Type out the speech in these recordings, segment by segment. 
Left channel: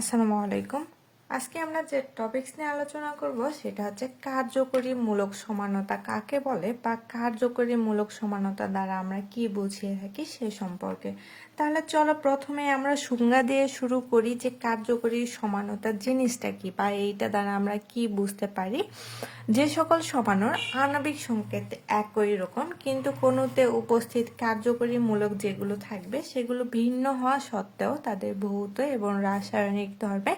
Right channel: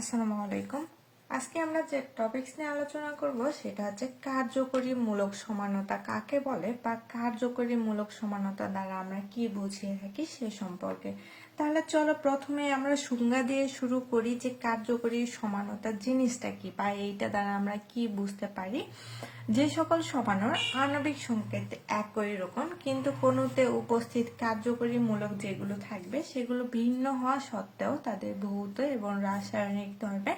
আসসালামু আলাইকুম। আজকে আমরা যে টপিকস নিয়ে আলোচনা করব সেটা হচ্ছে কার্যকরী মূলক সমানতা কাকে বলে বা কার্যকরী মূলক সমানতা দ্বারা আমরা কি বুঝিয়ে থাকি সে সম্পর্কে। তাহলে চলো প্রথমে আমরা সংজ্ঞা দিয়ে শুরু করি যে কার্যকরী সমানতা জিনিসটা কি বা এইটা দ্বারা আমরা কি বুঝতে পারি। যে সকল সমানর আণবিক সংকেত একই রকম কিন্তু কোনোতে উপস্থিত কার্যকরী মূলক যেগুলো থাকবে সেগুলো ভিন্ন হওয়া সত্ত্বেও তাদের ভৌত এবং রাসায়নিক ধর্মে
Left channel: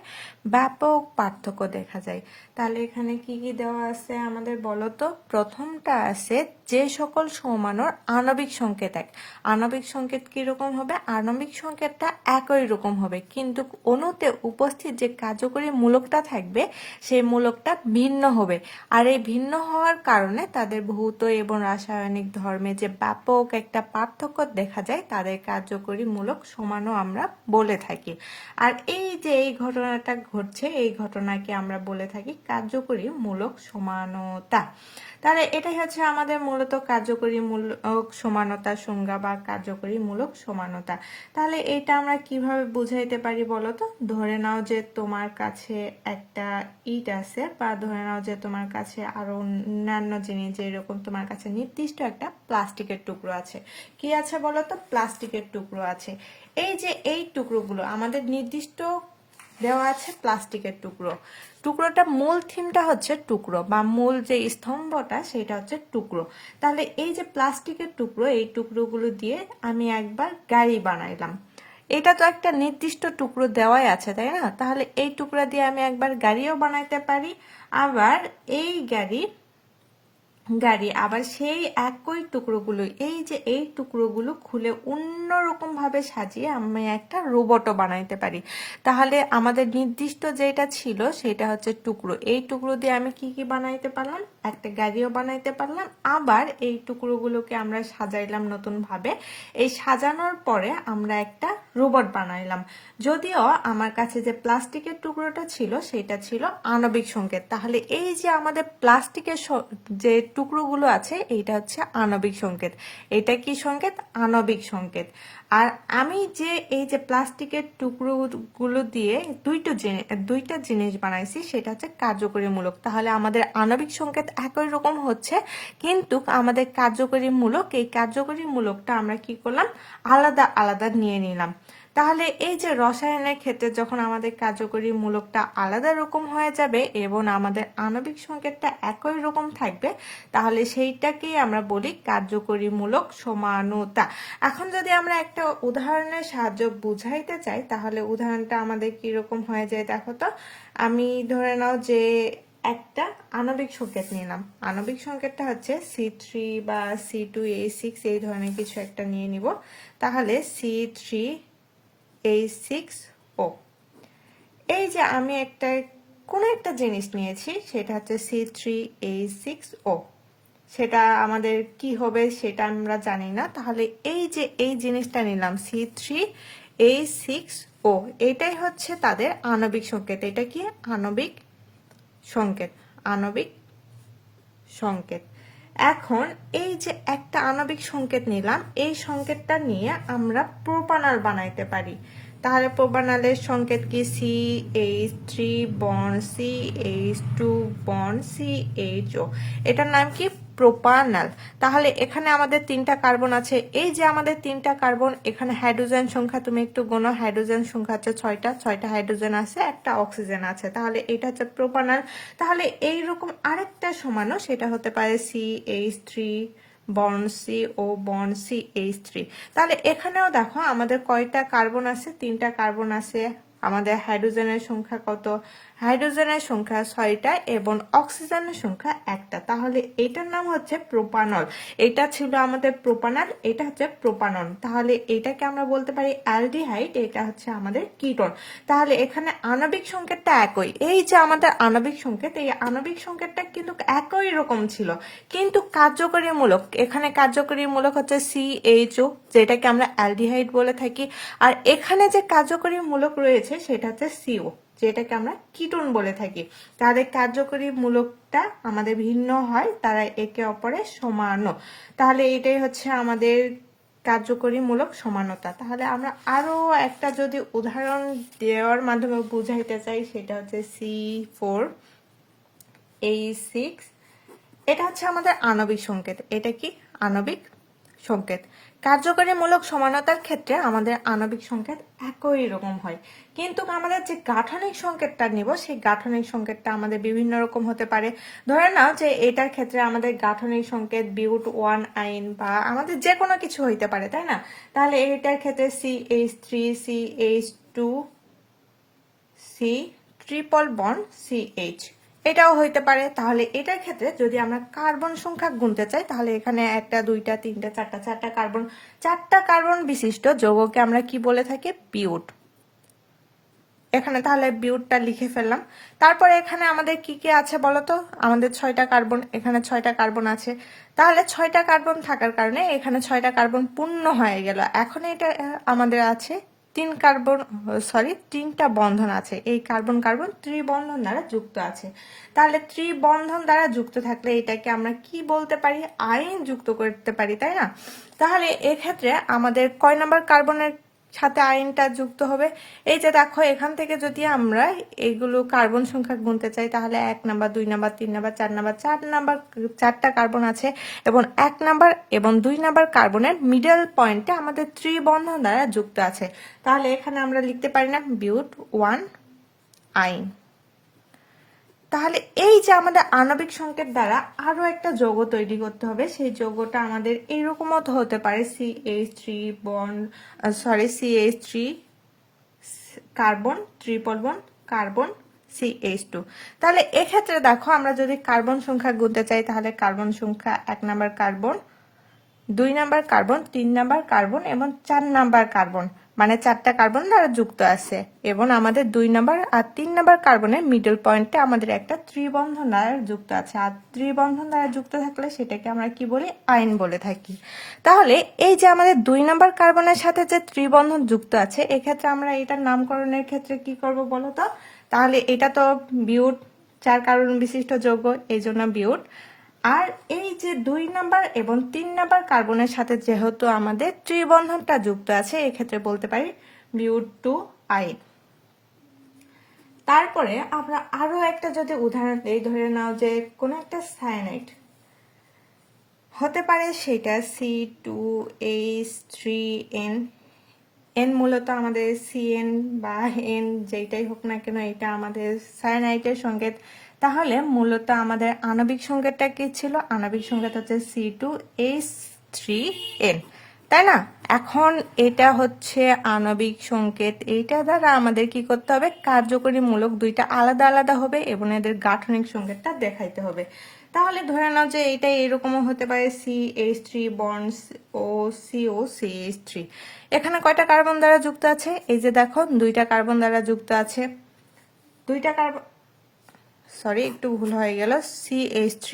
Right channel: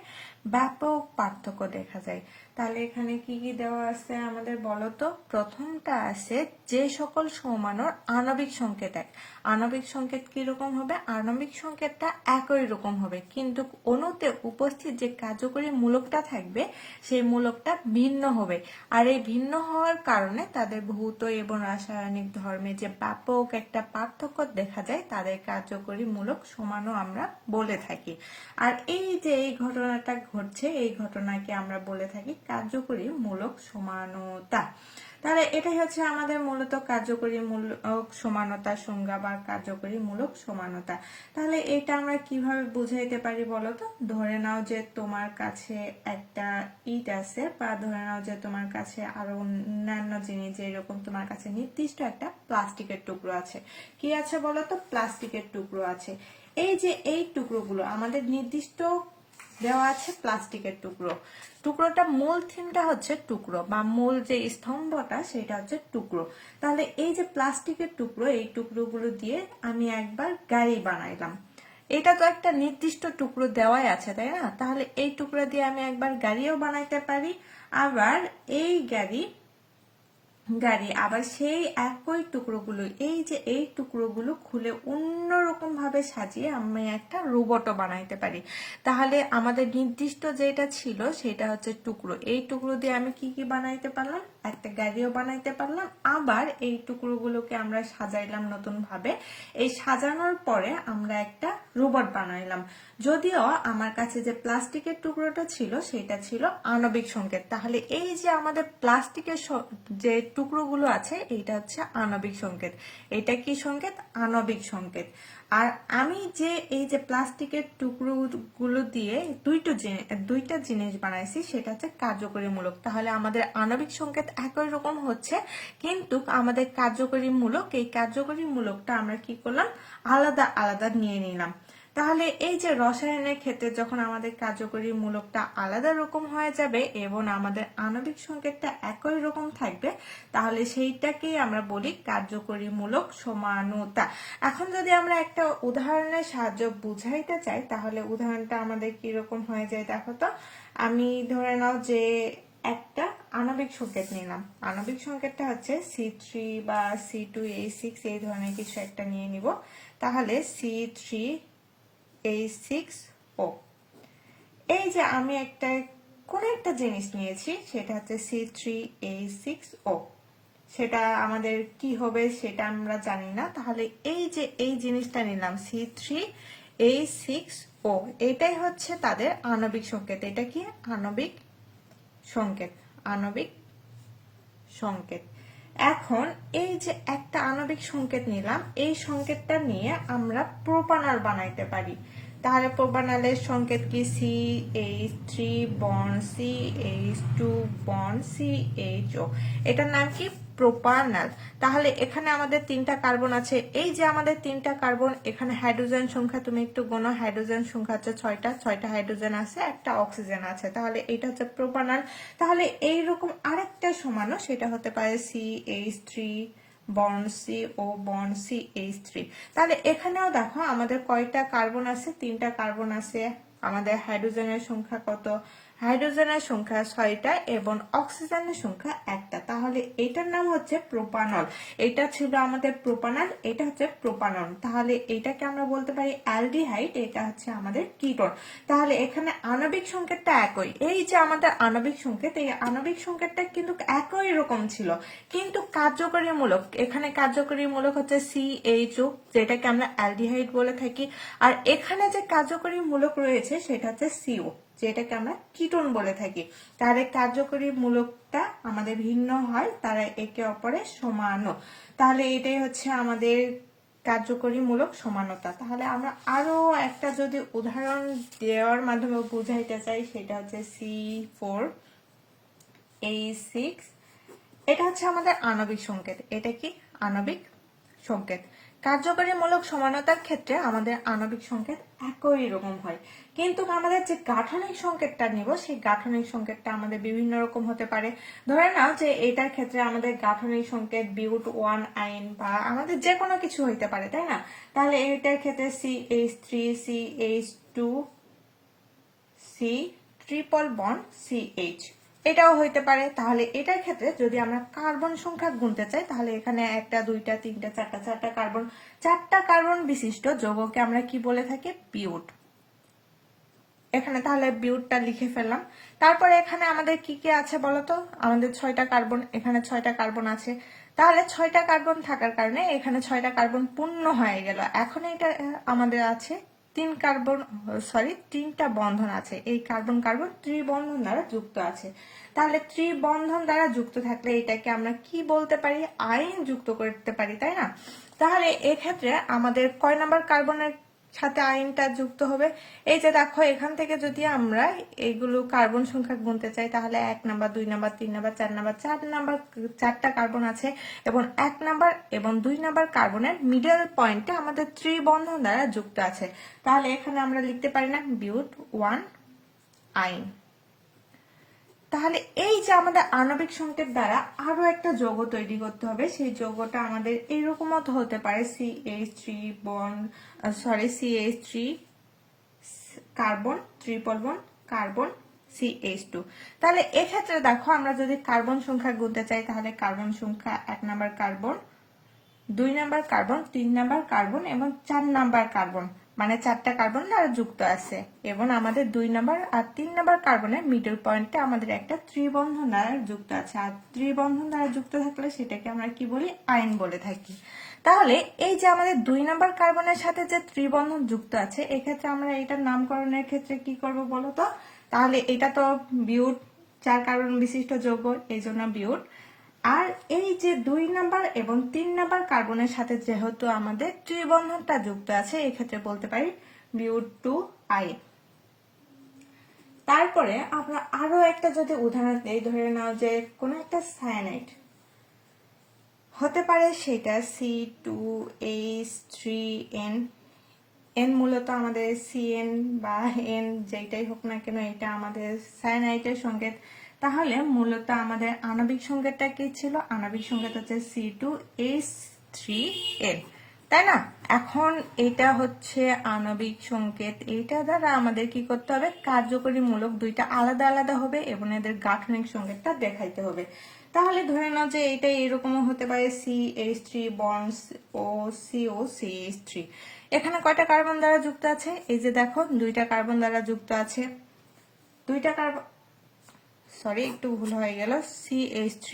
ব্যাপক পার্থক্য দেখা যায়। তাহলে এখানে কি কি দেওয়া আছে আমাদের বলতো। প্রথমটা আছে যে সকল সমানর আণবিক সংকেত এক। আণবিক সংকেত কিরকম হবে? আণবিক সংকেতটা একই রকম হবে কিন্তু অণুতে উপস্থিত যে কার্যকরী মূলকটা থাকবে সেই মূলকটা ভিন্ন হবে। আর এই ভিন্ন হওয়ার কারণে তাদের ভৌত এবং রাসায়নিক ধর্মে যে ব্যাপক একটা পার্থক্য দেখা যায় তাদের কার্যকরী মূলক সমানও আমরা বলে থাকি। আর এই যে এই ঘটনাটা ঘটছে এই ঘটনাকে আমরা বলে থাকি কার্যকরী মূলক সমানতা। তাহলে এটাই হচ্ছে আমাদের মূলত কার্যকরী মূলক সমানতা সংজ্ঞা বা কার্যকরী মূলক সমানতা। তাহলে এটা আমরা কিভাবে বুঝাইতে পারি বলতো। ধরে নাও যে তোমার কাছে একটা ইট আছে বা ধরে নাও যে তোমার কাছে আরো অন্যান্য জিনিস যেরকম তোমার কাছে নির্দিষ্ট একটা প্লাস্টিকের টুকরো আছে। কি আছে বলতো? প্লাস্টিকের টুকরো আছে। এই যে এই টুকরোগুলো আমাদের নির্দিষ্ট দেওয়া আছে প্লাস্টিকের টুকরো। টুকরোটা মূল থিমটা হচ্ছে টুকরো বা মূল যে স্তম্ভটা সেটা হচ্ছে টুকরো। তাহলে এই যে প্লাস্টিকের টুকরো এই টুকরোগুলো দিয়ে আমি একবার গাড়ি বানাইলাম। এটা তো একটা নির্দিষ্ট টুকরো দেওয়াই আছে তাই না? তাহলে এই টুকরা দিয়ে আমি একবার গাড়িও বানাইতে পারি। আবার এই গাড়ি আবার সেই একই টুকরোগুলো এই যে এই টুকরোগুলো খুলে অন্যরকম ভাবে সাজিয়ে আমি একটা রোবটও বানাইতে পারি। তাহলে আমাদের নির্দিষ্ট যেটা ছিল সেটা হচ্ছে টুকরো। এই টুকরো দিয়ে আমি কি কি বানাইতে পারলাম? একটা গাড়িও বানাইতে পারলাম। আবার এই টুকরোগুলোকে আমরা সাজাইলাম নতুন ভাবে। এই সাজানোর পরে আমরা একটা রোবট বানাইলাম। যদিও আমার কাছে যে প্লাস্টিকের টুকরোটা ছিল সেটা ছিল আণবিক সংকেত। তাহলে এই যে আমাদের প্লাস্টিকের যে টুকরোগুলো আছে এইটা হচ্ছে আণবিক সংকেত। এটা কি সংকেত? আণবিক সংকেত। আর আমি যে এই যে প্লাস্টিকের টুকরোগুলো দিয়ে দুইটা জিনিস বানাইছি সেটা হচ্ছে কার্যকরী মূলক। তাহলে আমাদের আণবিক সংকেত একই রকম হচ্ছে কিন্তু আমাদের কার্যকরী মূলক এই কার্যকরী মূলকটা আমরা কি করলাম? আলাদা আলাদা নিয়ে নিলাম। তাহলে এই যে রসায়নের ক্ষেত্রে যখন আমাদের কার্যকরী মূলকটা আলাদা রকম হয়ে যাবে এবং আমাদের আণবিক সংকেতটা একই রকম থাকবে তাহলে সেইটাকেই আমরা বলি কার্যকরী মূলক সমানতা। এখন যদি আমরা একটা উদাহরণের সাহায্যে বুঝাইতে চাই তাহলে উদাহরণটা আমাদের কিরকম হয়ে যায় দেখো তো। আমি ধরে নাও যে একটা আণবিক সংকেত নিলাম। আণবিক সংকেতটা হচ্ছে C3 বা C2H6 এই ধরনের কিছু একটা নিয়ে নিব। তাহলে C3H6O। এই যে আমি কোন একটা জিনিস নিয়েছি সেটা হচ্ছে C3H6O। সেটা আমাদের কি হবে সেটা আমরা জানি না। তাহলে এই যে এই জিনিসটা নিলাম C3H6O এটাই হচ্ছে তাদের আণবিক সংকেত। এটা কি? আণবিক সংকেত। আণবিক সংকেত। এখন এই যে একটা আণবিক সংকেত নিলাম এই সংকেতটা নিয়ে আমরা প্রোপানল বানাইতে পারি। তাহলে প্রোপানলের সংকেত কি? CH3 bond CH2 bond CHO। এটার নাম কি? প্রোপানল। তাহলে এখানে আমাদের তিনটা কার্বন আছে। এই যে আমাদের তিনটা কার্বন এখানে হাইড্রোজেন সংখ্যা তুমি একটু গোনো। হাইড্রোজেন সংখ্যা হচ্ছে 6টা হাইড্রোজেন আছে একটা অক্সিজেন আছে। তাহলে এটা হচ্ছে প্রোপানল। তাহলে এইরকম আরেকটা সমানও সেটা হতে পারে CH3 bond CO bond CH3। তাহলে এখানেও দেখো আমাদের কয়টা কার্বন আছে? তিনটা কার্বন আছে। আমাদের হাইড্রোজেনের সংখ্যা কত? হাইড্রোজেনের সংখ্যা 6টা এবং অক্সিজেনের সংখ্যা 1টা। তাহলে এটার নাম হচ্ছে প্রোপানল। এটা ছিল আমাদের প্রোপানল, এটা হচ্ছে প্রোপানল। তাহলে এটাকে আমরা বলতে পারি অ্যালডিহাইড, এটা হচ্ছে আমাদের কিটোন। তাহলে এখানে আণবিক সংকেতটা একই। এই যে আমাদের আণবিক সংকেত এই আণবিক সংকেতটা কিন্তু একই রকম ছিল কিন্তু কার্যকরী মূলক এখানে কার্যকরী মূলক হচ্ছে CHO যেটাকে আমরা অ্যালডিহাইড বলে থাকি। আর এখানে যে কার্যকরী মূলক রয়েছে সেটা হচ্ছে CO যেটাকে আমরা কিটোন বলে থাকি। তাদের কার্যকরী মূলকটা আমাদের ভিন্ন হয়, তারা একে অপরের সমানও। তাহলে এটাই হচ্ছে আমাদের কার্যকরীমূলক সমানতা। তাহলে আমরা আরো একটা যদি উদাহরণ দেওয়ার মাধ্যমে বুঝাইতে চাই, সেটা হচ্ছে C4H6। এটা হচ্ছে আমাদের আণবিক সংকেত। এটা কি আণবিক সংকেত। কার্যকরীমূলক সমানতার ক্ষেত্রে আমাদের আণবিক সংকেত একই রকম হয়, কিন্তু আমাদের যে গাঠনিক সংকেতটা নিব সেই গাঠনিক সংকেতটা আমাদের বিভিন্ন রকম হতে পারে। ধরে নাও যে এটার ক্ষেত্রে আমাদের গাঠনিক সংকেত বিউট 1 আইন বা আমাদের যে কোনো কিছু হইতে পারে, তাই না? তাহলে এটার ক্ষেত্রে CH3 CH2 C triple bond CH, এটাও হইতে পারে। তাহলে এটার ক্ষেত্রে যদি আমরা কার্বন সংখ্যা গুনতে চাই, তাহলে এখানে 1টা 2টা 3টা 4টা 4টা কার্বন বিশিষ্ট যৌগকে আমরা কি বলে থাকি? বিউট। এখানে তাহলে বিউটটা লিখে ফেললাম। তারপরে এখানে আমাদের কি কি আছে বলতো? আমাদের 6টা কার্বন, এখানে 6টা কার্বন আছে। তাহলে 6টা কার্বন থাকার কারণে এখানে 6টা কার্বন পূর্ণ হয়ে গেল। এখন এটা আমাদের আছে 3টা বন্ধন আছে। এই কার্বন কার্বন ত্রিবন্ধন দ্বারা যুক্ত আছে। তাহলে ত্রিবন্ধন দ্বারা যুক্ত থাকলে এটাকে আমরা কি বলতে পারি? আইন যুক্ত করতে পারি, তাই না? তাহলে এক্ষেত্রে আমাদের কয় নাম্বার কার্বনের সাথে আইনটা যুক্ত হবে? এই যে দেখো, এখান থেকে যদি আমরা এইগুলো কার্বন সংখ্যা গুনতে চাই, তাহলে 1 নাম্বার 2 নাম্বার 3 নাম্বার 4 নাম্বার 4টা কার্বন আছে, এবং 1 নাম্বার এবং 2 নাম্বার কার্বনের মিডল পয়েন্টে আমাদের ত্রিবন্ধন দ্বারা যুক্ত আছে। তাহলে এখানে আমরা লিখতে পারি না বিউট 1 আইন। তাহলে এই যে আমাদের আণবিক সংকেত দ্বারা আরো একটা যৌগ তৈরি করতে হবে, সেই যৌগটা আমাদের এইরকম হতে পারে CH3 carbon triple bond carbon CH2। তাহলে এক্ষেত্রে দেখো, আমরা যদি কার্বন সংখ্যা গুনতে চাই, তাহলে কার্বন সংখ্যা 1 number carbon, 2 number carbon, 3 number carbon এবং 4 নাম্বার কার্বন, মানে 4টা কার্বন দ্বারা যুক্ত আছে। এবং আমাদের 2 নাম্বার আর 3 নাম্বার কার্বনের মিডল পয়েন্টে আমাদের একটা ত্রিবন্ধন দ্বারা যুক্ত আছে। আর ত্রিবন্ধন দ্বারা যুক্ত থাকলে সেটাকে আমরা কি বলি? আইন বলে থাকি। তাহলে এই যে আমাদের 2 নাম্বার কার্বনের সাথে যে ত্রিবন্ধন যুক্ত আছে, এক্ষেত্রে আমরা এটার নামকরণের ক্ষেত্রে কি করব বলো তো? তাহলে এটা তো বিউট, 4 কার্বন বিশিষ্ট যৌগ, এই জন্য বিউট। আর এই যে 2 নাম্বার এবং 3 নাম্বার কার্বনের সাথে যেহেতু আমাদের ত্রিবন্ধনটা যুক্ত আছে, এক্ষেত্রে বলতে পারি বিউট 2 আইন। তারপরে আমরা আরো একটা যদি উদাহরণ দিই, ধরে নাও যে কোনো একটা সায়ানাইড হতে পারে, সেটা C2H3N। এন মূলত আমাদের CN বা N যেটাই হোক না কেন, এটা আমাদের সায়ানাইডের সংকেত। তাহলে মূলত আমাদের আণবিক সংকেতটা কি ছিল? আণবিক সংকেত হচ্ছে C2H3N, তাই না? এখন এটা হচ্ছে আণবিক সংকেত। এইটা দ্বারা আমাদের কি করতে হবে? কার্যকরীমূলক দুইটা আলাদা আলাদা হবে এবং এদের গাঠনিক সংকেতটা দেখাইতে হবে। তাহলে ধরে নাও যে এটা এরকমও হতে পারে CH3 বন্ড ও COCH3। এখানে কয়টা কার্বন দ্বারা যুক্ত আছে? এই যে দেখো, 2টা কার্বন দ্বারা যুক্ত আছে। 2টা কার্বন, একটু ভুল হয়ে গেল, CH3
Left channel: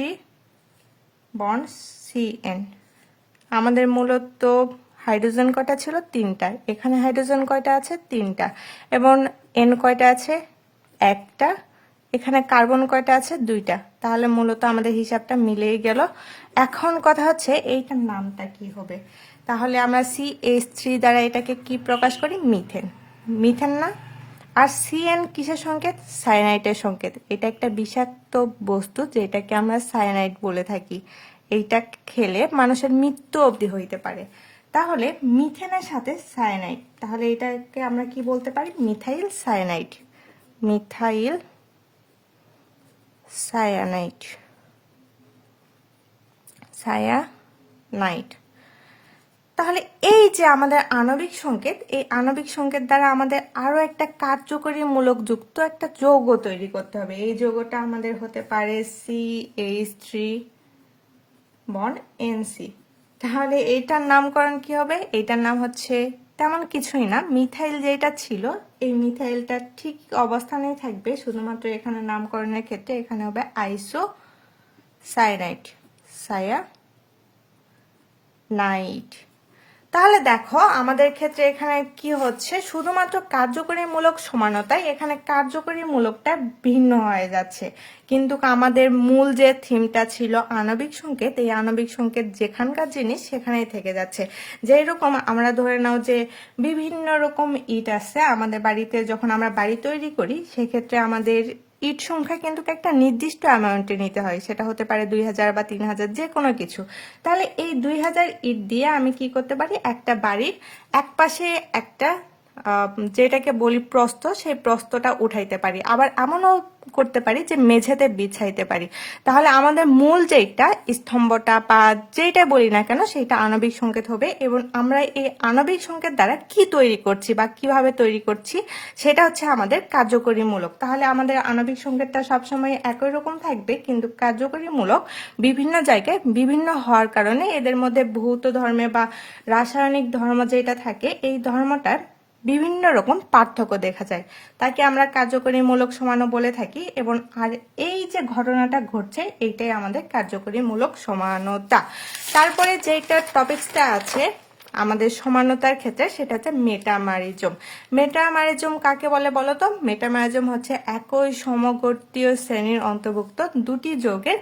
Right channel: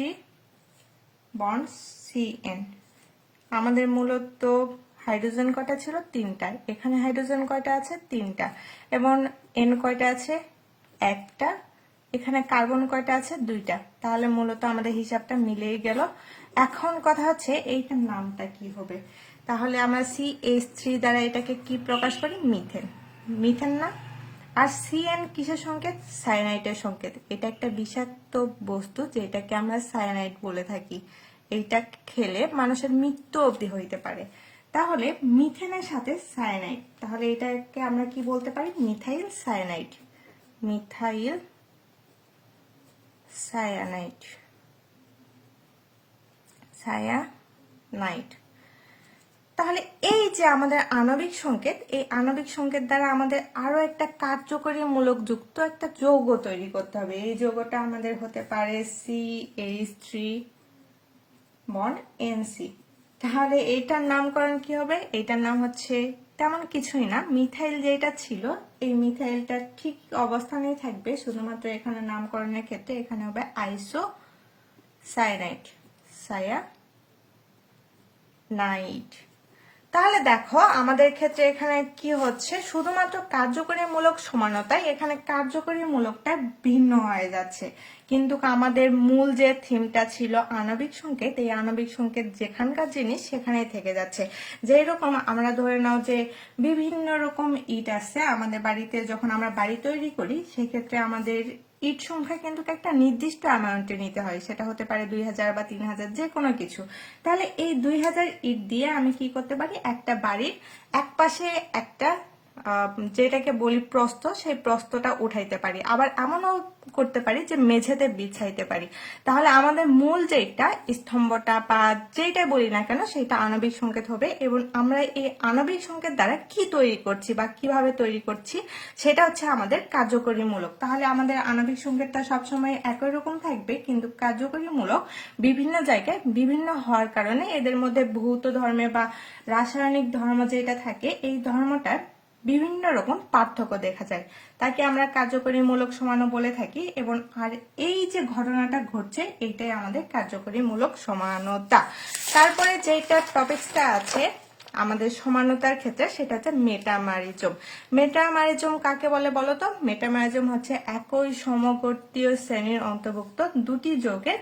বন্ড CN। আমাদের মূলত হাইড্রোজেন কয়টা ছিল? 3টা। এখানে হাইড্রোজেন কয়টা আছে? 3টা। এবং N কয়টা আছে? 1টা। এখানে কার্বন কয়টা আছে? 2টা। তাহলে মূলত আমাদের হিসাবটা মিলেই গেল। এখন কথা হচ্ছে এইটার নামটা কি হবে? তাহলে আমরা CH3 দ্বারা এটাকে কি প্রকাশ করি? মিথেন। মিথেন না? আর CN কিসের সংকেত? সায়ানাইডের সংকেত। এটা একটা বিষাক্ত বস্তু যেটাকে আমরা সায়ানাইড বলে থাকি। এইটা খেলে মানুষের মৃত্যু অবধি হইতে পারে। তাহলে মিথেনের সাথে সায়ানাইড, তাহলে এটাকে আমরা কি বলতে পারি? Methyl cyanide. Methyl cyanide. Cyanide. তাহলে এই যে আমাদের আণবিক সংকেত, এই আণবিক সংকেত দ্বারা আমাদের আরো একটা কার্যকরীমূলক যুক্ত একটা যৌগ তৈরি করতে হবে। এই যৌগটা আমাদের হতে পারে CH3 বন্ড NC। তাহলে এইটার নামকরণ কি হবে? এইটার নাম হচ্ছে তেমন কিছুই না, মিথাইল যেটা ছিল এই মিথাইলটা ঠিক অবস্থানেই থাকবে, শুধুমাত্র এখানে নামকরণের ক্ষেত্রে এখানে হবে আইসো সায়ানাইড। সায়ানাইড। তাহলে দেখো আমাদের ক্ষেত্রে এখানে কি হচ্ছে, শুধুমাত্র কার্যকরীমূলক সমানতায় এখানে কার্যকরীমূলকটা ভিন্ন হয়ে যাচ্ছে, কিন্তু আমাদের মূল যে থিমটা ছিল আণবিক সংকেত, এই আণবিক সংকেত যেখানকার জিনিস সেখানেই থেকে যাচ্ছে। যেই রকম আমরা ধরে নাও যে বিভিন্ন রকম ইট আছে আমাদের বাড়িতে, যখন আমরা বাড়ি তৈরি করি সেক্ষেত্রে আমাদের ইট সংখ্যা কিন্তু একটা নির্দিষ্ট অ্যামাউন্টে নিতে হয়, সেটা হতে পারে 2000 বা 3000, যে কোনো কিছু। তাহলে এই 2000 ইট দিয়ে আমি কি করতে পারি, একটা বাড়ির এক পাশে একটা যেটাকে বলি প্রস্থ, সেই প্রস্থটা উঠাইতে পারি, আবার এমনও করতে পারি যে মেঝেতে বিছাইতে পারি। তাহলে আমাদের মূল যেটা স্তম্ভটা বা যেটা বলি না কেন সেটা আণবিক সংকেত হবে, এবং আমরা এই আণবিক সংকেত দ্বারা কি তৈরি করছি বা কিভাবে তৈরি করছি সেটা হচ্ছে আমাদের কার্যকরীমূলক। তাহলে আমাদের আণবিক সংকেতটা সবসময় একই রকম থাকবে, কিন্তু কার্যকরীমূলক বিভিন্ন জায়গায় বিভিন্ন হওয়ার কারণে এদের মধ্যে ভৌত ধর্মে বা রাসায়নিক ধর্ম যেটা থাকে এই ধর্মটার বিভিন্ন রকম পার্থক্য দেখা যায়, তাকে আমরা কার্যকরীমূলক সমানও বলে থাকি। এবং আর এই যে ঘটনাটা ঘটছে এইটাই আমাদের কার্যকরীমূলক সমানতা। তারপরে যেটা টপিকসটা আছে আমাদের সমানতার ক্ষেত্রে সেটা হচ্ছে মেটামারিজম। মেটামারিজম কাকে বলে বলো তো? মেটামারিজম হচ্ছে একই সমগোত্রীয় শ্রেণীর অন্তর্ভুক্ত দুটি যৌগের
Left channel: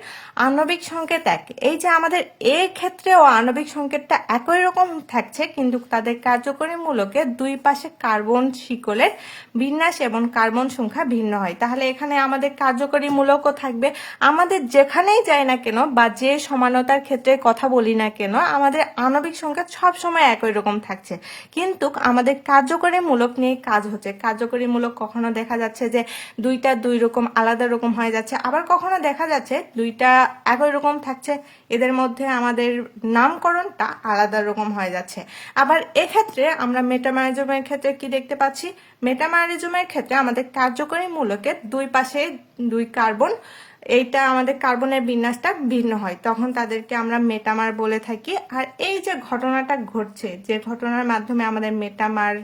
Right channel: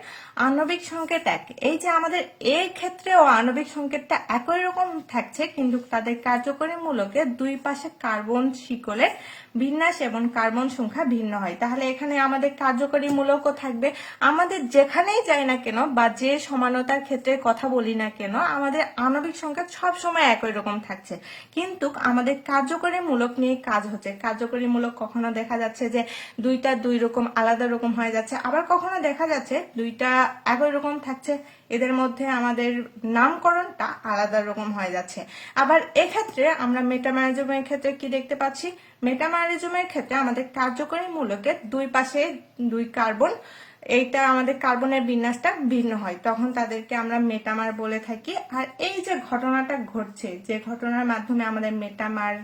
আণবিক সংকেত এক। এই যে আমাদের এ ক্ষেত্রেও আণবিক সংকেতটা একই রকম থাকছে, কিন্তু তাদের কার্যকরী মূলকে দুই পাশে কার্বন শিকলের বিন্যাস এবং কার্বন সংখ্যা ভিন্ন হয়। তাহলে এখানে আমাদের কার্যকরী মূলকও থাকবে, আমাদের যেখানেই যাই না কেন বা যে সমানতার ক্ষেত্রে কথা বলি না কেন আমাদের আণবিক সংকেত সবসময় একই রকম থাকছে, কিন্তু আমাদের কার্যকরী মূলক নিয়ে কাজ হচ্ছে। কার্যকরী মূলক কখনো দেখা যাচ্ছে যে দুইটা দুই রকম আলাদা রকম হয়ে যাচ্ছে, আবার কখনো দেখা যাচ্ছে দুইটা একই রকম থাকছে, এদের মধ্যে আমাদের নামকরণটা আলাদা রকম হয়ে যাচ্ছে। আবার এক্ষেত্রে আমরা মেটামারিজমের ক্ষেত্রে কি দেখতে পাচ্ছি, মেটামারিজমের ক্ষেত্রে আমাদের কার্যকরী মূলকের দুই পাশে দুই কার্বন, এইটা আমাদের কার্বনের বিন্যাসটা ভিন্ন হয়, তখন তাদেরকে আমরা মেটামার বলে থাকি। আর এই যে ঘটনাটা ঘটছে, যে ঘটনার মাধ্যমে আমাদের মেটামার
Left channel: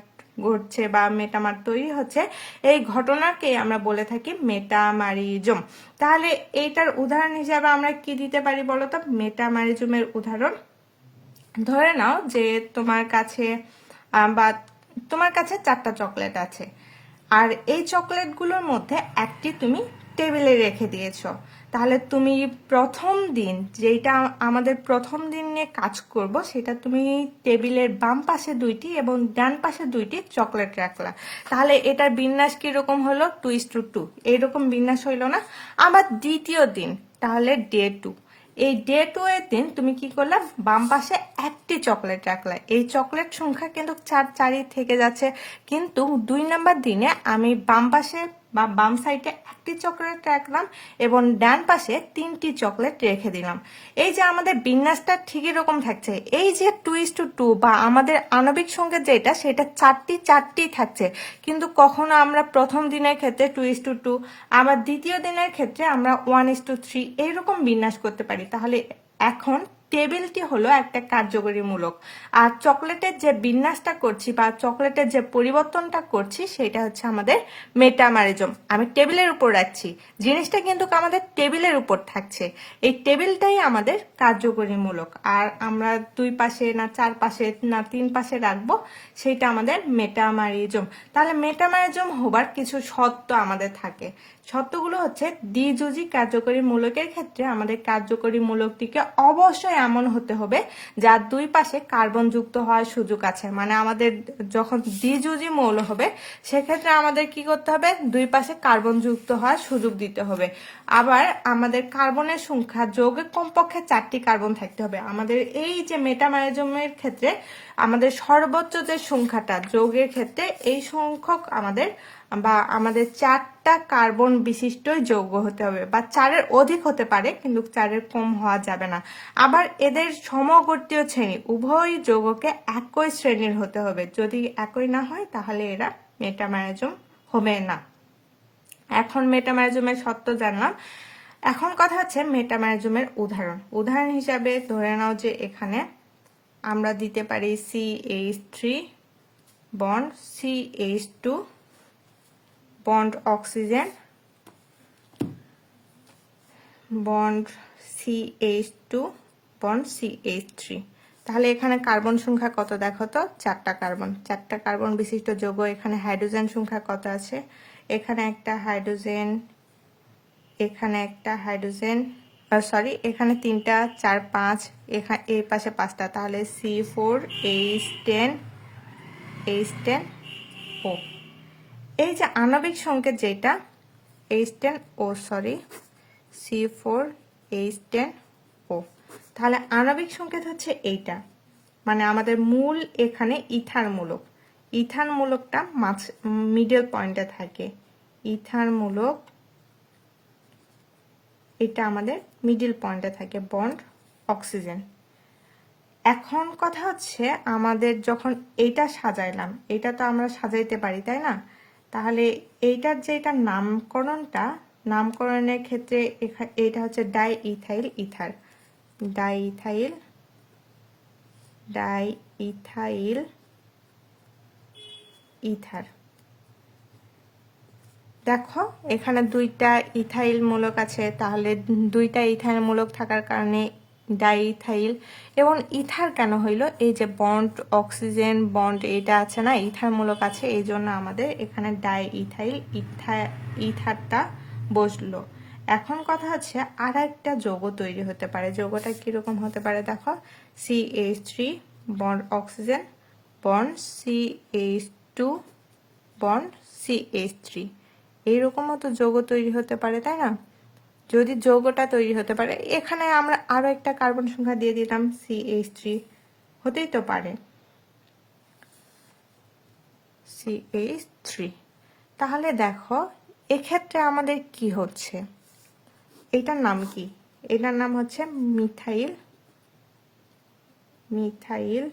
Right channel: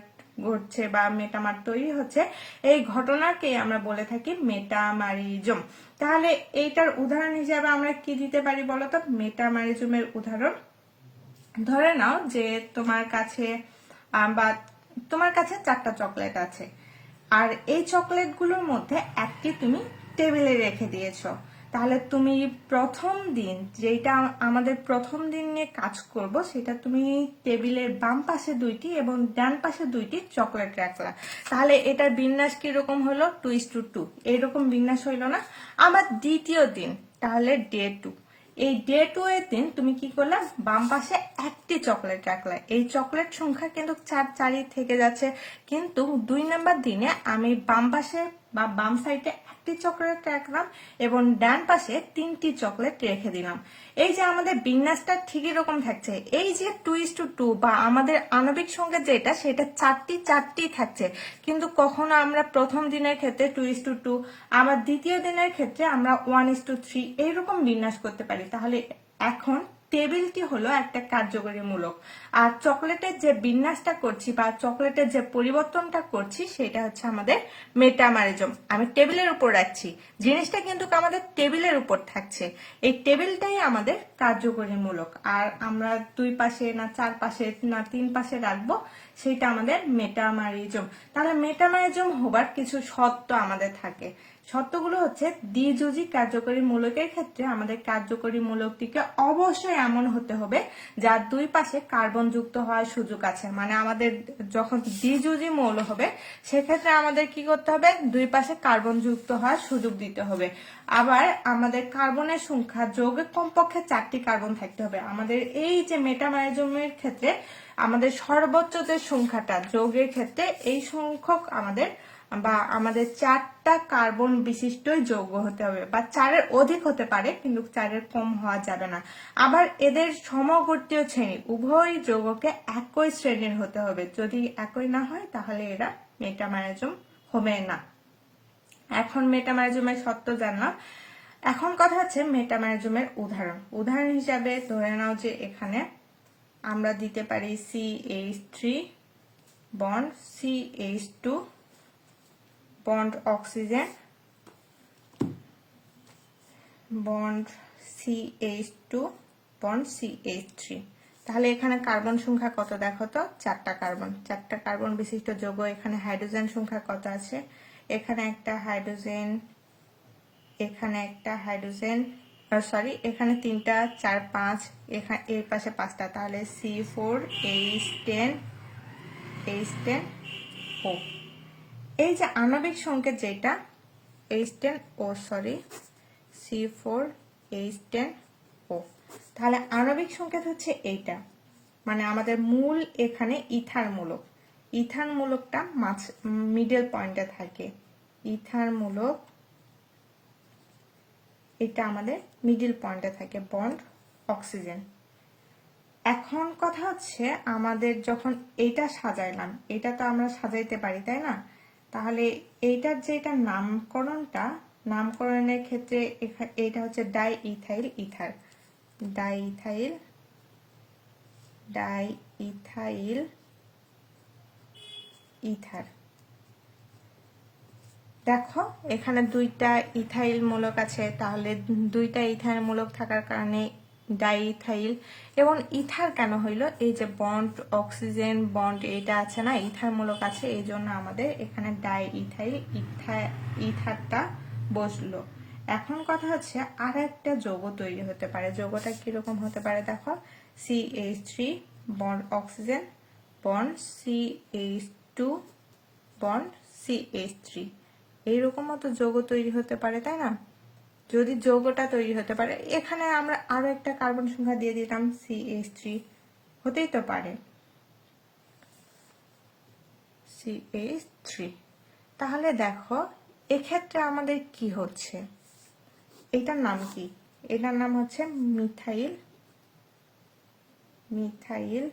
ঘটছে বা মেটামার তৈরি হচ্ছে, এই ঘটনাকে আমরা বলে থাকি মেটামারিজম। তাহলে এইটার উদাহরণ হিসাবে আমরা কি দিতে পারি বলতো? মেটামারিজমের উদাহরণ ধরে নাও যে তোমার কাছে বা তোমার কাছে 4টা চকলেট আছে, আর এই চকলেটগুলোর মধ্যে একটি তুমি টেবিলে রেখে দিয়েছো। তাহলে তুমি প্রথম দিন, যেটা আমাদের প্রথম দিন নিয়ে কাজ করব, সেটা তুমি টেবিলের বাম পাশে 2টি এবং ডান পাশে 2টি চকলেট রাখলা। তাহলে এটার বিন্যাস কিরকম হলো? 2:2, এইরকম বিন্যাস হইলো না? আবার দ্বিতীয় দিন, তাহলে ডে 2, এই ডে 2 এর দিন তুমি কি করলা? বাম পাশে একটি চকলেট রাখলা, এই চকলেট সংখ্যা কিন্তু 4 থেকে যাচ্ছে, কিন্তু 2 নাম্বার দিনে আমি বাম পাশে বা বাম সাইডে একটি চকলেট রাখলাম এবং ডান পাশে 3টি চকলেট রেখে দিলাম। এই যে আমাদের বিন্যাসটা ঠিক এরকম থাকছে। এই যে 2:2 বা আমাদের আণবিক সংকেত যেটা, সেটা 4টি থাকছে, কিন্তু কখনো আমরা প্রথম দিনের ক্ষেত্রে 2:2, আবার দ্বিতীয় দিনের ক্ষেত্রে আমরা 1:3 এইরকম বিন্যাস করতে পারি। তাহলে এখন টেবিলটি হলো একটা কার্যকরী মূলক, আর চকলেটের যে বিন্যাসটা করছি বা চকলেটের যে পরিবর্তনটা করছি সেটা হচ্ছে আমাদের মেটামারিজম। আমি টেবিলের উপর রাখছি, জিনিসটা কিন্তু আমাদের টেবিলের উপর থাকছে, এই টেবিলটাই আমাদের কার্যকরী মূলক। আর আমরা 2 পাশে না 4 পাশে না 3 পাশে রাখবো, সেটা আমাদের মেটামারিজম। তাহলে মেটামারিজম হবার কিছু শর্ত আমাদের থাকে। শর্তগুলো হচ্ছে, দ্বিযোজী কার্যকরী মূলকের ক্ষেত্রে আমাদের কার্যকরী মূলকটিকে অবশ্যই এমন হতে হবে যার দুই পাশে কার্বন যুক্ত হওয়ার সুযোগ আছে। মানে আমাদের যখন দ্বিযোজী মৌল হবে সেক্ষেত্রে আমাদের কি করতে হবে? দুই পাশে কার্বন যুক্ত হওয়ার সুযোগ দিতে হবে। আবার আমাদের কার্বনের সংখ্যা যৌগে কমপক্ষে 4টি কার্বন থাকতে হবে। আমাদের এই যে মেটামারিজমের ক্ষেত্রে আমাদের সর্বোচ্চ যে সংখ্যাটা যৌগের ক্ষেত্রে, এই সংখ্যক আমাদের 4টা কার্বন বিশিষ্ট যৌগ হতে হবে, বা 4-এর অধিক হতে পারে কিন্তু 4-এর কম হওয়া যাবে না। আবার এদের সমগোত্রীয় শ্রেণী, উভয় যৌগকে একই শ্রেণীর হতে হবে, যদি একই না হয় তাহলে এরা মেটামারিজম হবে না। এখন মেটামারিজমের শর্ত জানলাম, এখন কথা হচ্ছে মেটামারিজমের উদাহরণ হিসাবে ধরে নাও যে এখানে আমরা দিতে পারি CH3 bond CH2 bond oxygen bond CH2 bond CH3, তাহলে এখানে কার্বন সংখ্যা কত দেখো তো, 4টা কার্বন। 4টা কার্বন বিশিষ্ট যৌগ। এখানে হাইড্রোজেন সংখ্যা কত আছে, এখানে একটা হাইড্রোজেন, এখানে একটা হাইড্রোজেন, সরি এখানে 3টা, 4 5, এখানে এই পাশে 5টা, তাহলে C4H10 H10O। এই যে আণবিক সংকেত যেটা H10O, সরি C4H10O, তাহলে আণবিক সংকেত হচ্ছে এইটা। মানে আমাদের মূল এখানে ইথার মূলক, ইথার মূলকটা মিডল পয়েন্টে থাকে। ইথার মূলক এটা আমাদের মিডল পয়েন্টে থাকে, বন্ড অক্সিজেন। এখন কথা হচ্ছে আমাদের যখন এইটা সাজাইলাম, এটা তো আমরা সাজাইতে পারি তাই না, তাহলে এইটার যে এটা নামকরণটা, নামকরণের ক্ষেত্রে এটা হচ্ছে die ethyl ether, die ethyl ether. দেখো এখানে 2টা ইথাইল মূলক আছে, তাহলে 2টা ইথাইল মূলক থাকার কারণে ডাইইথাইল। এবং ইথার কেন হইলো, এই যে বন্ড অক্সিজেন বন্ড এটা আছে না, ইথার মূলক আছে, এই জন্য আমাদের এখানে ডাইইথাইল ইথারটা বসলো। এখন কথা হচ্ছে আর একটা যৌগ তৈরি হতে পারে। যৌগটা কিরকম হতে পারে দেখো, CH3 bond oxygen bond CH2 bond CH3, এইরকমও তো যৌগ তৈরি হতে পারে তাই না। যদি যৌগটা তৈরি হতে পারে, এখানে আমরা আরো একটা কার্বন সংখ্যা দিয়ে দিলাম CH3, হতেই তো পারে CH3। তাহলে দেখো এক্ষেত্রে আমাদের কি হচ্ছে, এটার নাম কি, এটার নাম হচ্ছে মিথাইল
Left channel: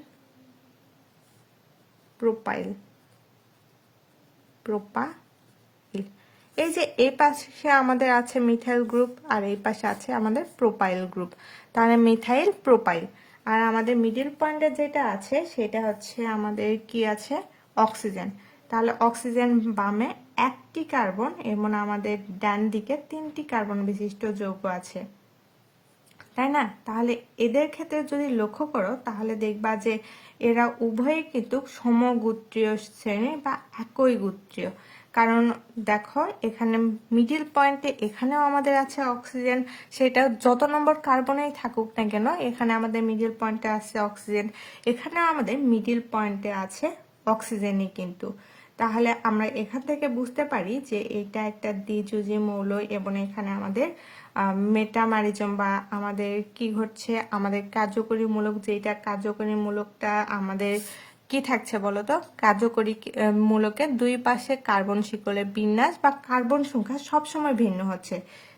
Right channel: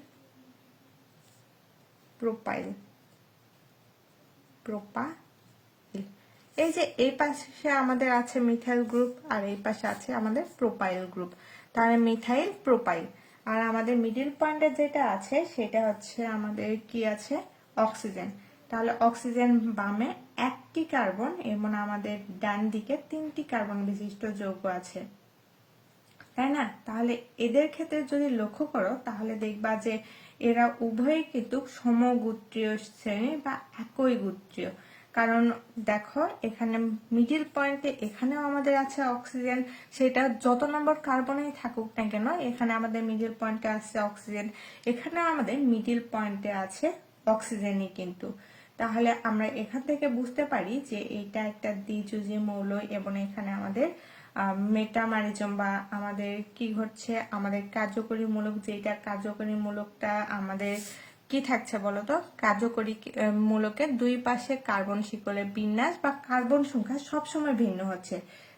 প্রোপাইল। এই যে এই পাশে আমাদের আছে মিথাইল গ্রুপ আর এই পাশে আছে আমাদের প্রোপাইল গ্রুপ, তাহলে মিথাইল প্রোপাইল। আর আমাদের মিডল পয়েন্টে যেটা আছে সেটা হচ্ছে আমাদের কি আছে, অক্সিজেন। তাহলে অক্সিজেন বামে 1টি কার্বন এবং আমাদের ডান দিকে 3টি কার্বন বিশিষ্ট যৌগ আছে তাই না। তাহলে এদের ক্ষেত্রে যদি লক্ষ্য করো তাহলে দেখবা যে এরা উভয়ই কিন্তু সমগোত্রীয় শ্রেণী বা একই গোত্রীয়। কারণ দেখো এখানে মিডিল পয়েন্টে এখানেও আমাদের আছে অক্সিজেন, সেটা যত নম্বর কার্বনেই থাকুক না কেন, এখানে আমাদের মিডিল পয়েন্টে আছে অক্সিজেন, এখানেও আমাদের মিডিল পয়েন্টে আছে অক্সিজেনই কিন্তু। তাহলে আমরা এখান থেকে বুঝতে পারি যে এটা একটা দ্বিযুজি মৌল এবং এখানে আমাদের মেটামারিজম বা আমাদের কি ঘটছে, আমাদের কার্যকরী মূলক, যেটা কার্যকরী মূলকটা আমাদের কি থাকছে বলতো, কার্যকরী মূলকের 2 পাশে কার্বন শিকলের বিন্যাস বা কার্বন সংখ্যা সবসময় ভিন্ন হচ্ছে।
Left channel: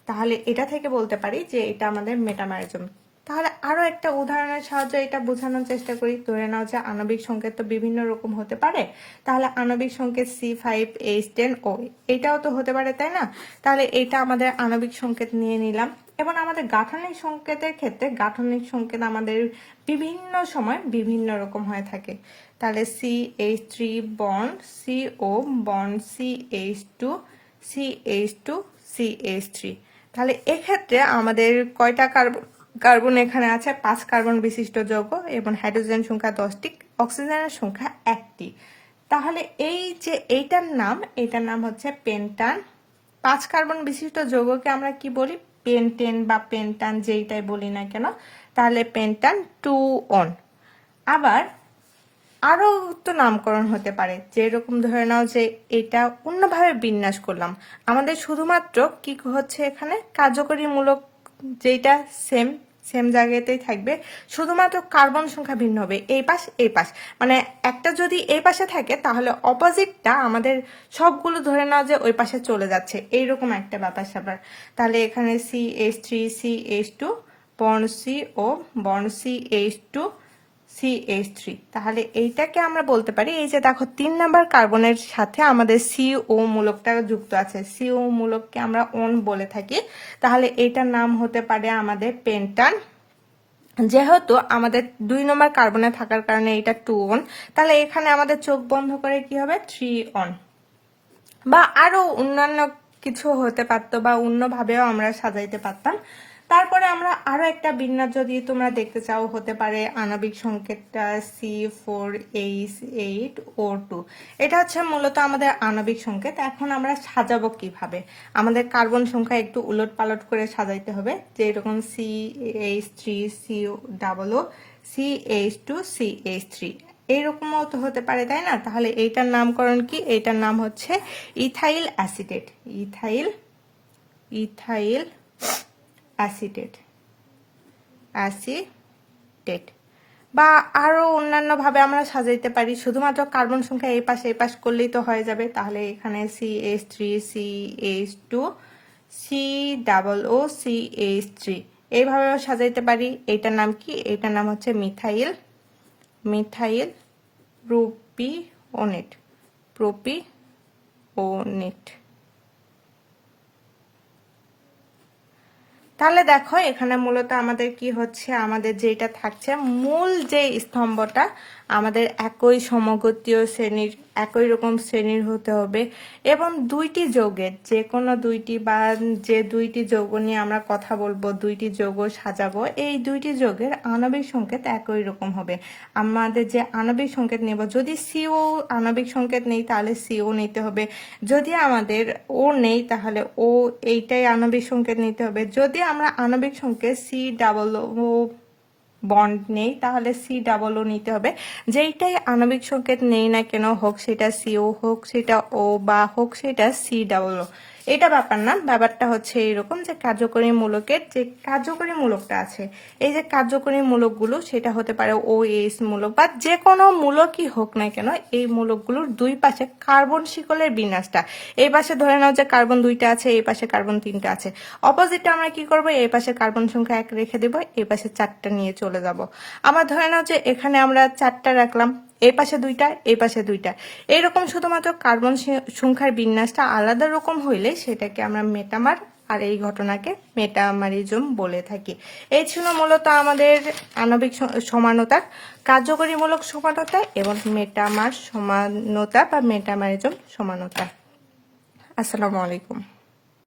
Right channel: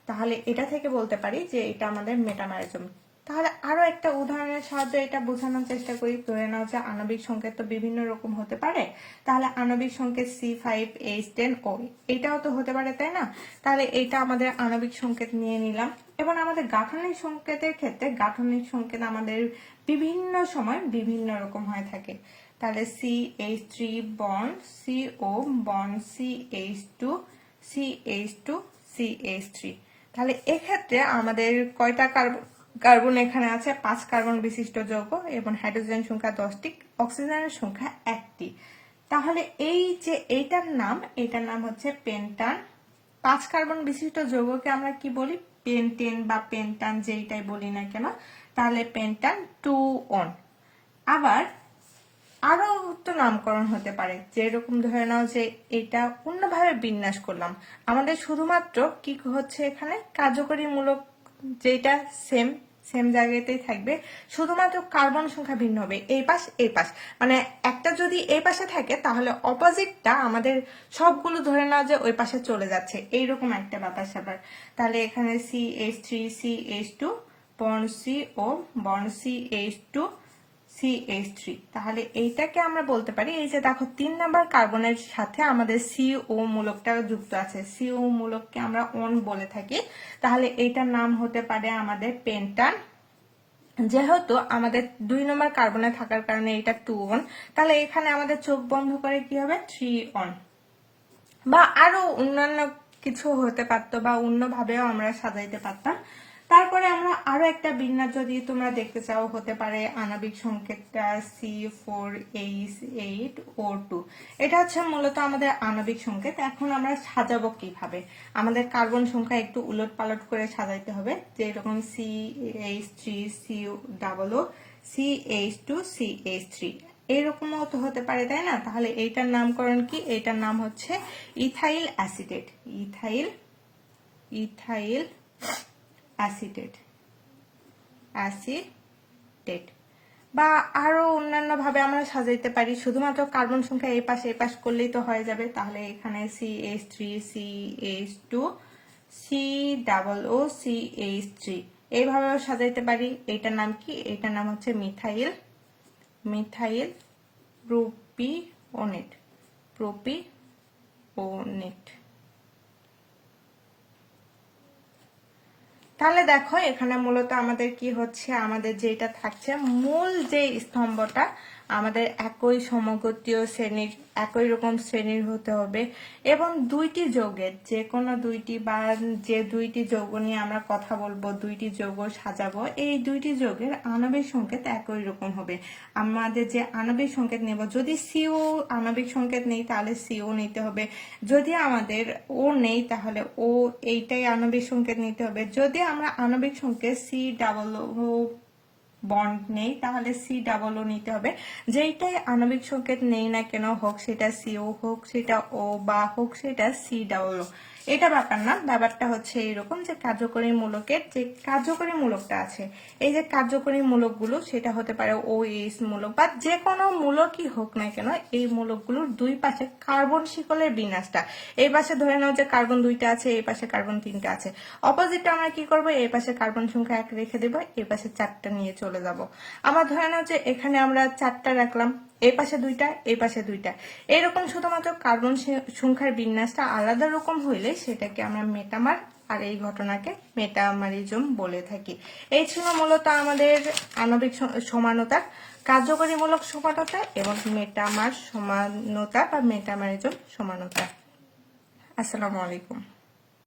তাহলে এটা থেকে বলতে পারি যে এটা আমাদের মেটামারিজম। তাহলে আরো একটা উদাহরণের সাহায্যে এটা বোঝানোর চেষ্টা করি। ধরে নাও যে আণবিক সংকেত তো বিভিন্ন রকম হতে পারে, তাহলে আণবিক সংকেত C5H10O এটাও তো হতে পারে তাই না। তাহলে এটা আমাদের আণবিক সংকেত নিয়ে নিলাম। এবং আমাদের গাঠনিক সংকেতের ক্ষেত্রে গাঠনিক সংকেত আমাদের বিভিন্ন সময় বিভিন্ন রকম হয়ে থাকে। তাহলে CH3 bond CO bond CH2 CH2 CH3। তাহলে এক্ষেত্রে আমাদের কয়টা কার্বন এখানে আছে, 5 কার্বন বিশিষ্ট যৌগ এবং হাইড্রোজেন সংখ্যা 10টি, অক্সিজেনের সংখ্যা 1টি। তাহলে এই যে এইটার নাম হচ্ছে পেন্টান। 5 কার্বন বিশিষ্ট যৌগকে আমরা কি বলি, পেন্টেন বা পেন্টান যেইটাই বলি না কেন, তাহলে পেন্টান 2 আবার আরো তো নামকরণ হতে পারে, যেরকম ধরে নাও যে এটা অন্যভাবে বিন্যাস করলাম, আমাদের শুধুমাত্র কি হচ্ছে এখানে কার্যকরী মূলক যেটা সেম সেম জায়গাতেই থাকবে, শুধুমাত্র কার্বন সংখ্যা ভিন্ন হবে, এই পাশ মানে একটা যদি এই পাশে থাকে তাহলে অপোজিটটা আমাদের সবগুলো ধরে নাও যে ওই পাশে চলে যাচ্ছে, এইরকম একটা ব্যাপার স্যাপার। তাহলে এখানে CH3 CH2 bond CO bond CH2 CH3। তাহলে এইটাকে আমরা বলতে পারি, এই যে দেখো 3 নাম্বার কার্বনের সাথে আমাদের CO মূলকটা যুক্ত আছে, CO মূলককে আমরা ওন বলে থাকি। তাহলে এইটার নাম হতে পারে আমাদের পেন্টান। যেহেতু আমাদের 2 নম্বর কার্বনে থাকার কারণে এটা 2 তাহলে এখানে আমাদের চোখ বন্ধ করে কি হবে 3 বা আরো অন্যান্য কিছু হতে পারতো বা অন্যভাবেও আমরা সাজাইতে পারতাম। তারপরে আমরা আরো একটা বিন্যাস যদি তোমরা দেখতে চাও হতে পারে আণবিক সংকেতটা C4H8O2। এটা হচ্ছে মূলত আমাদের আণবিক সংকেত। এখন আমরা সাজাবো কিভাবে, আমাদের কার্বন সংখ্যা একটু উলট পালট করে সাজাইতে হবে, যে এরকম CH3CO, CH2CH3 এরকমও তো হতে পারে, তাই না? তাহলে এইটার নামকরণ কি? এইটার নাম হচ্ছে ইথাইল অ্যাসিটেট। ইথাইল অ্যাসিটেট বা আরো অন্যান্য ভাবে আমরা সাজাইতে পারি। শুধুমাত্র কার্বন সংখ্যা এই পাশ করলেই তো হয়ে যাবে। তাহলে এখানে CH3CH2 COOCH3 এইভাবেও সাজাইতে পারি। এইটার নাম কি? এইটার নাম হচ্ছে মিথাইল প্রোপিওনেট। তাহলে দেখো এখানে মূলত আমাদের কি হচ্ছে, আমাদের যেটা থাকছে মূল যে স্তম্ভটা আমাদের একই সমগোত্রীয় শ্রেণীর, একই রকম শ্রেণীর হতে হবে এবং দুইটি যৌগের যে কোনো দুইটি বা যে দুইটি যৌগ নিয়ে আমরা কথা বলবো, দুইটি যৌগ সাজাবো, এই দুইটি যৌগের আণবিক সংকেত একই রকম হবে। আমাদের যে আণবিক সংকেত নেব, যদি সিও আণবিক সংকেত নেই তাহলে সিও নিতে হবে, যদি আমাদের ও নেই তাহলে ও এইটাই আণবিক সংকেত নিতে হবে। যদি আমরা আণবিক সংকেত COO বন্ড নেই তাহলে COO নিতে হবে। যেইটাই আণবিক সংকেত নেই না কেন, হোক সেটা CO, হোক সেটা O বা হোক সেটা COO, এটা ব্যাপার না। ব্যাপারটা হচ্ছে এইরকম যে কার্যকরী মূলকের যে কার্যকরী মূলকটা আছে, এই যে কার্যকরী মূলকগুলো সেটা হতে পারে OH মূলক বা যে কোনো মূলকই হোক না কেন, এই মূলকগুলোর দুই পাশে কার্বন শিকলের বিন্যাসটা, এই পাশে ধরে নাও যে কার্বন 2টা আছে, এই পাশে কার্বন 3টা আছে, অপোজিটে আমরা কি করব, এই পাশে কার্বন সংখ্যা 1 রেখে দেব, এই পাশে 4টা নিয়ে চলে যাব। আমরা ধরে নাও যে এখানে আমরা 4টা রাখলাম, এই পাশে 2টা, এই পাশে 2টা, এরকম শুধুমাত্র কার্বন সংখ্যার বিন্যাসটা আলাদা রকম হইলে সেটাকে আমরা মেটামার, আর এই ঘটনাকে মেটামারিজম বলে থাকি। এই ছিল মূলত আমাদের আণবিক সমানতার কার্যকরীমূলক সমানতা এবং মেটামার সমানতা বা মেটামারিজম সমানতা। আসসালামু আলাইকুম।